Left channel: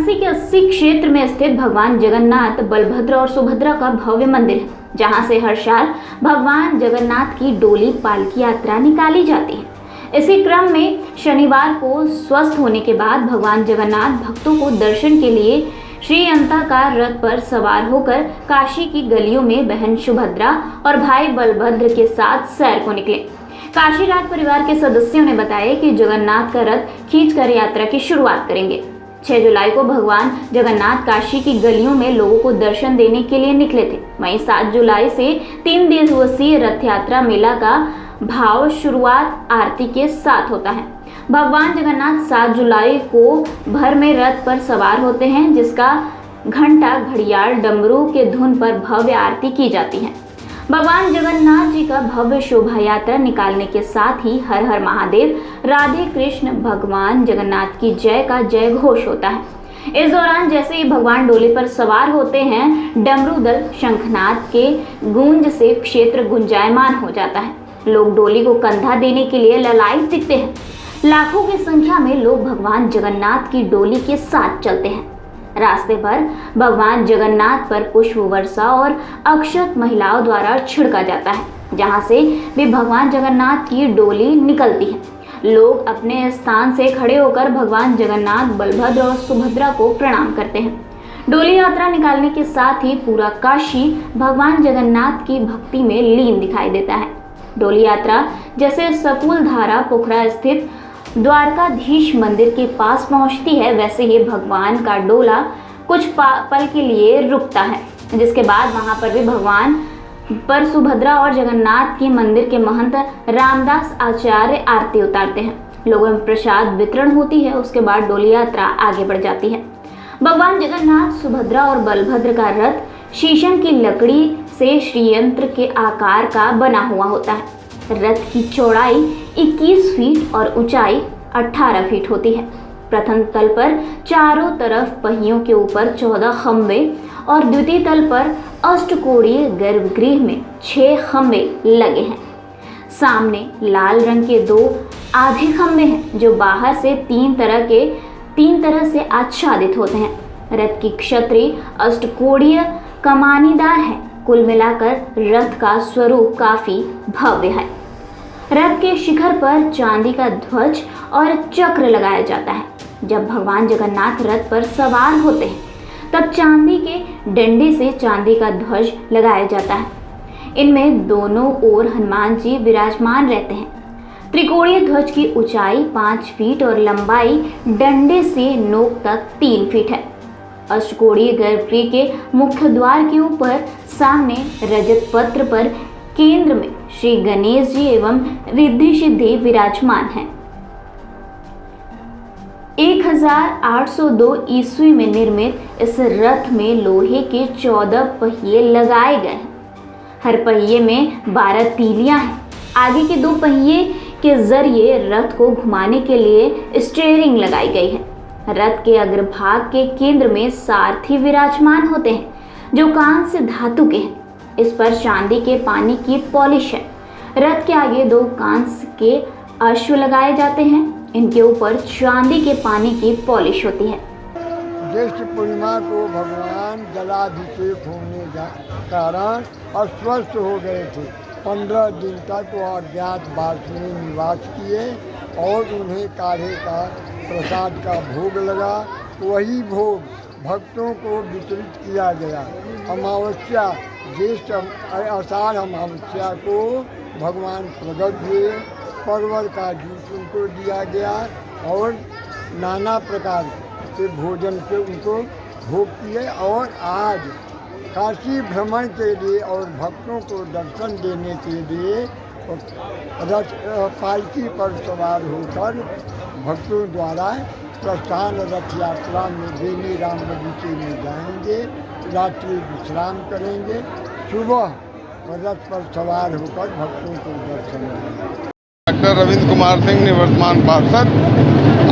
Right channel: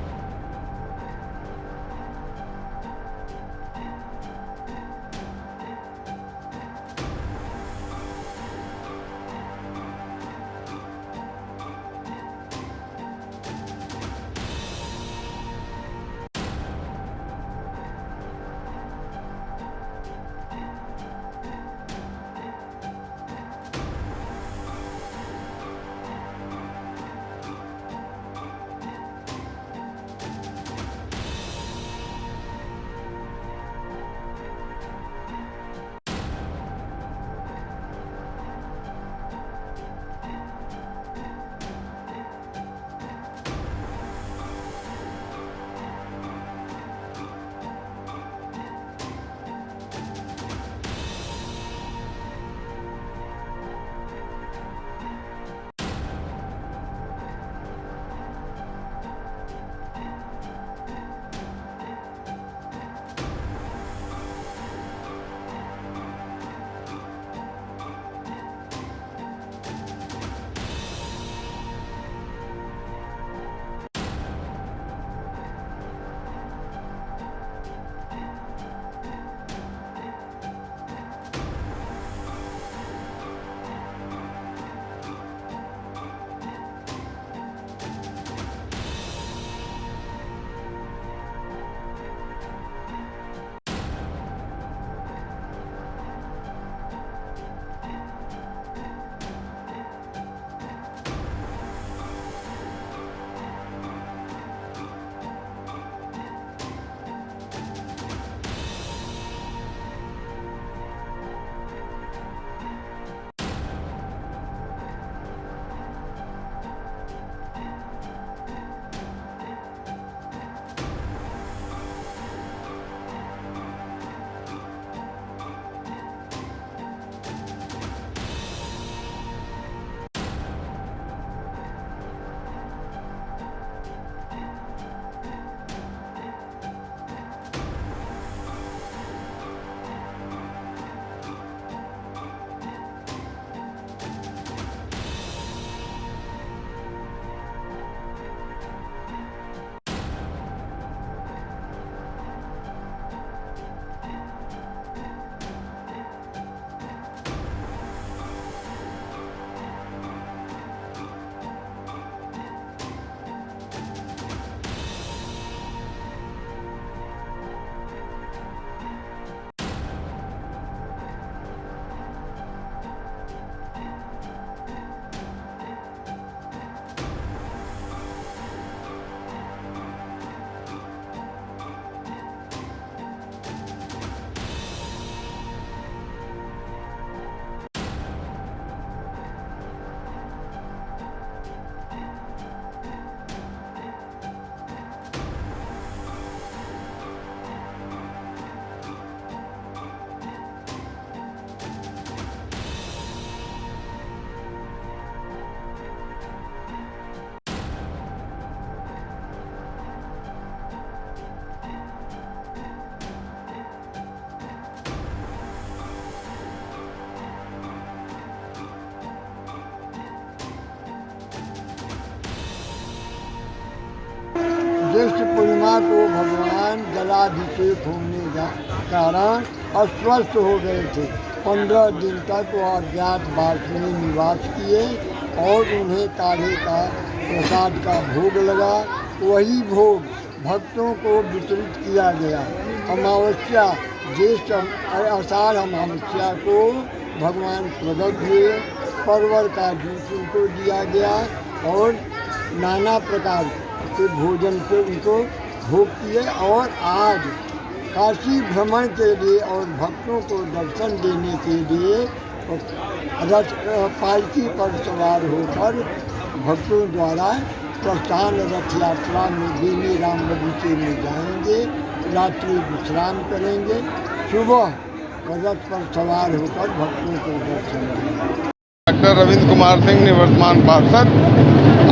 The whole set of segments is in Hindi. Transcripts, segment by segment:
वाराणसी के 80 क्षेत्र में स्थित भगवान जगन्नाथ, बलभद्र और सुभद्रा का भव्य मंदिर है, जहां से हर साल भगवान जगन्नाथ की डोली पालकी यात्रा निकाली जाती है। इसी क्रम में शनिवार को स्वस्थ होने के बाद भगवान जगन्नाथ भक्तों को दर्शन के लिए श्री अंताकार रथ पर सवार होकर काशी की गलियों में बहन सुभद्रा और भाई बलभद्र के साथ सैर को निकले। काशी राज परिवार के सदस्यों ने बताया कि जगन्नाथ का रथ खींचकर यात्रा की शुरुआत करेंगे। 6 जुलाई को भगवान जगन्नाथ काशी की गलियों में लोगों को दर्शन देने के लिए निकले थे। वहीं 7 जुलाई से 3 दिवसीय रथ यात्रा मेला का भाव शुरुआत आरती के साथ होता है। भगवान जगन्नाथ 7 जुलाई को भर में रथ पर सवार होते हैं, जिसका घंटा, घड़ियाल, डमरू के धुन पर भव्य आरती की जाती है। भगवान जगन्नाथ जी का भव्य शोभा यात्रा निकालने के साथ ही हर हर महादेव, राधे कृष्ण, भगवान जगन्नाथ की जय का जय घोष होता है। इस दौरान जैसे ही भगवान डोली पर सवार होते हैं, डमरू दल, शंखनाद के गूंज से क्षेत्र गुंजायमान हो जाता है। लोग डोली को कंधा देने के लिए ललायत दिखते हैं। लाखों की संख्या में लोग भगवान जगन्नाथ की डोली के साथ चलते हैं। रास्ते पर भगवान जगन्नाथ पर पुष्प वर्षा और अक्षत महिलाओं द्वारा छिड़का जाता है, जहां से भी भगवान जगन्नाथ की डोली निकलती है। लोग अपने स्थान से खड़े होकर भगवान जगन्नाथ, बलभद्र और सुभद्रा को प्रणाम करते हैं। डोली यात्रा निकालने के साथ ही पूरा काशी भगवान जगन्नाथ की भक्ति में लीन दिखाई देता है। डोली यात्रा जैसे सकुलधारा पोखरा स्थित द्वारकाधीश मंदिर के पास पहुंचती है, वैसे ही भगवान का डोला कुछ पल के लिए रुकता है, जिसके बाद वहां पर भी भगवान पर सुभद्रा और जगन्नाथ के मंदिर के महंत रामदास आचार्य आरती उतारते हैं। लोगों में प्रसाद वितरण होती है। उसके बाद डोली यात्रा आगे बढ़ जाती है। भगवान जगन्नाथ, सुभद्रा और बलभद्र का रथ शीशम की लकड़ी से श्रीयंत्र के आकार का बना हुआ होता है। रथ की चौड़ाई 21 फीट और ऊंचाई 18 फीट होती है। प्रथम तल पर चारों तरफ पहियों के ऊपर 14 खंबे और द्वितीय तल पर अष्टकोणीय गर्भगृह में 6 खंबे लगे हैं। सामने लाल रंग के 2 आधे खंबे हैं, जो बाहर से 3 तरह से आच्छादित होते हैं। रथ की छतरी अष्टकोणीय कमानीदार है। कुल मिलाकर रथ का स्वरूप काफी भव्य है। रथ के शिखर पर चांदी का ध्वज और चक्र लगाया जाता है। जब भगवान जगन्नाथ रथ पर सवार होते हैं, तब चांदी के डंडे से चांदी का ध्वज लगाया जाता है। इनमें दोनों ओर हनुमान जी विराजमान रहते हैं। त्रिकोणीय ध्वज की ऊंचाई 5 फीट और लंबाई डंडे से नोक तक 3 फीट है। अष्टकोणीय गर्भगृह के मुख्य द्वार के ऊपर सामने रजत पत्र पर केंद्र में श्री गणेश जी एवं रिद्धि सिद्धि विराजमान हैं। 1802 ईस्वी में निर्मित इस रथ में लोहे के 14 पहिए लगाए गए हैं। हर पहिए में 12 तीलियां हैं। आगे के 2 पहिए के जरिए रथ को घुमाने के लिए स्टीयरिंग लगाई गई है। रथ के अग्रभाग के केंद्र में सारथी विराजमान होते हैं, जो कांस्य धातु के हैं। इस पर चांदी के पानी की पॉलिश है। रथ के आगे 2 कांस्य के अश्व लगाए जाते हैं। इनके ऊपर चांदी के पानी की पॉलिश होती है। ज्येष्ठ पूर्णिमा को भगवान जलाभिषेक होने के कारण अस्वस्थ हो गए थे। 15 दिन तक वो अज्ञात वास में निवास किए और उन्हें काढ़े का प्रसाद का भोग लगा। वही भोग भक्तों को वितरित किया गया। अमावस्या ज्येष्ठ आषाढ़ अमावस्या को भगवान प्रकट हुए। परवल का जूस उनको दिया गया और नाना प्रकार के भोजन से उनको भोग किए। और आज काशी भ्रमण के लिए और भक्तों को दर्शन देने के लिए रथ पालकी पर सवार होकर भक्तों द्वारा प्रस्थान रथ यात्रा में बेनी राम बगीचे में जाएंगे। रात्रि विश्राम करेंगे। सुबह रथ पर सवार होकर भक्तों को दर्शन देंगे। डॉक्टर रविंद्र कुमार सिंह, निवर्तमान पार्षद।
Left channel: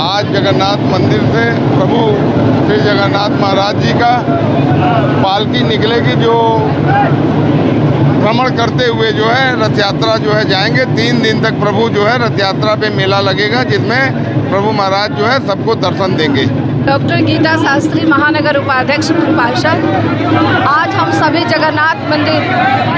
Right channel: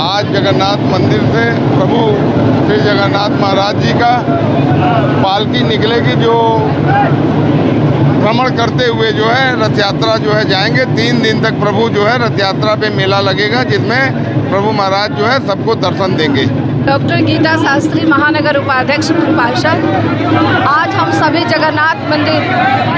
आज जगन्नाथ मंदिर से प्रभु श्री जगन्नाथ महाराज जी का पालकी निकलेगी, जो भ्रमण करते हुए जो है रथ यात्रा जो है जाएंगे। 3 दिन तक प्रभु जो है रथ यात्रा पे मेला लगेगा, जिसमें प्रभु महाराज जो है सबको दर्शन देंगे। डॉक्टर गीता शास्त्री, महानगर उपाध्यक्ष पार्षद। आज हम सभी जगन्नाथ मंदिर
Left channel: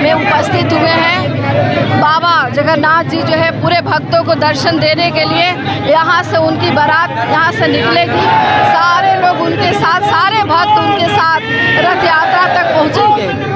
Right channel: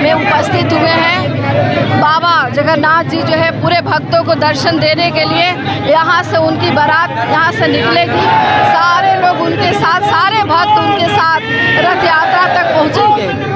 में उपस्थित हुए हैं। बाबा जगन्नाथ जी जो है पूरे भक्तों को दर्शन देने के लिए यहाँ से उनकी बारात यहाँ से निकलेगी। सारे लोग उनके साथ, सारे भक्त उनके साथ रथ यात्रा तक पहुँचेंगे।